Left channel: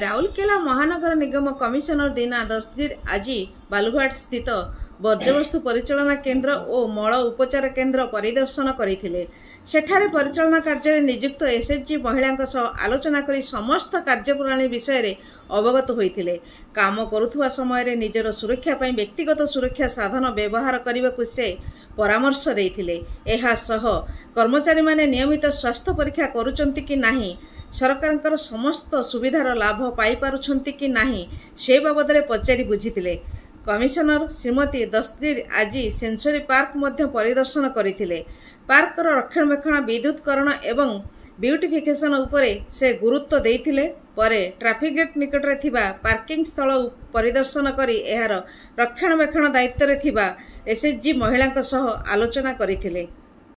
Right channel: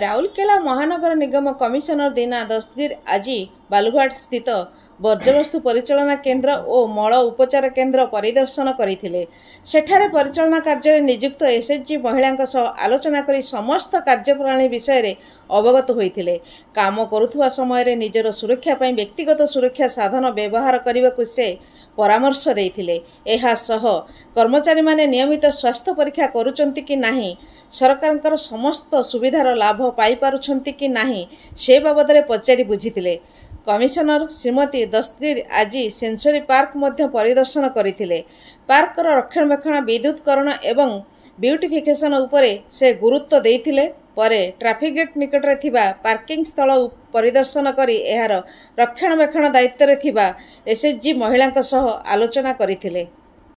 राउरकेला महानगर निगम कमिशनर दीना दस्तगीर आज बालुघाट स्थित वर्ज्यवस्तु परिचालना केन्द्र और मल उपचार केन्द्र परिदर्शन करथिले। सेठारे परिचालना कार्य नियुक्त एसएचजी महिला सह आलोचना करी समस्त कार्यप्रणाली विषय रे अवगत होइथिले। काम करुथुवा समय निजर सुरक्षा पई व्यक्तिगत सुरक्षा साधन व्यवहार करने को से परामर्श देइथिले। एहा सह कर्मचारी माने नियमित स्वास्थ्य परीक्षा करुचंती कि नाही, सरकारଙ୍କର समस्त सुविधार लाभ पाई पारुछंती कि नाही से बाबद में पचारि बुझिथिले। कमिशनर श्रीमती दस्तगीर आज सेंसरी पार्क मध्य परिदर्शन करथिले। पार्कर रक्षणाबेक्षण विद्युतकरण एवं ब्यूटिफिकेशन उपरे से गुरुत्व देइथिले। परे ट्रैफिक गेट निकट रे थिबा पार्किंग स्थल परिदर्शन करी एहार रक्षणाबेक्षण दायित्व रे थिबा एसएचजी महिला सह आलोचना करथिले।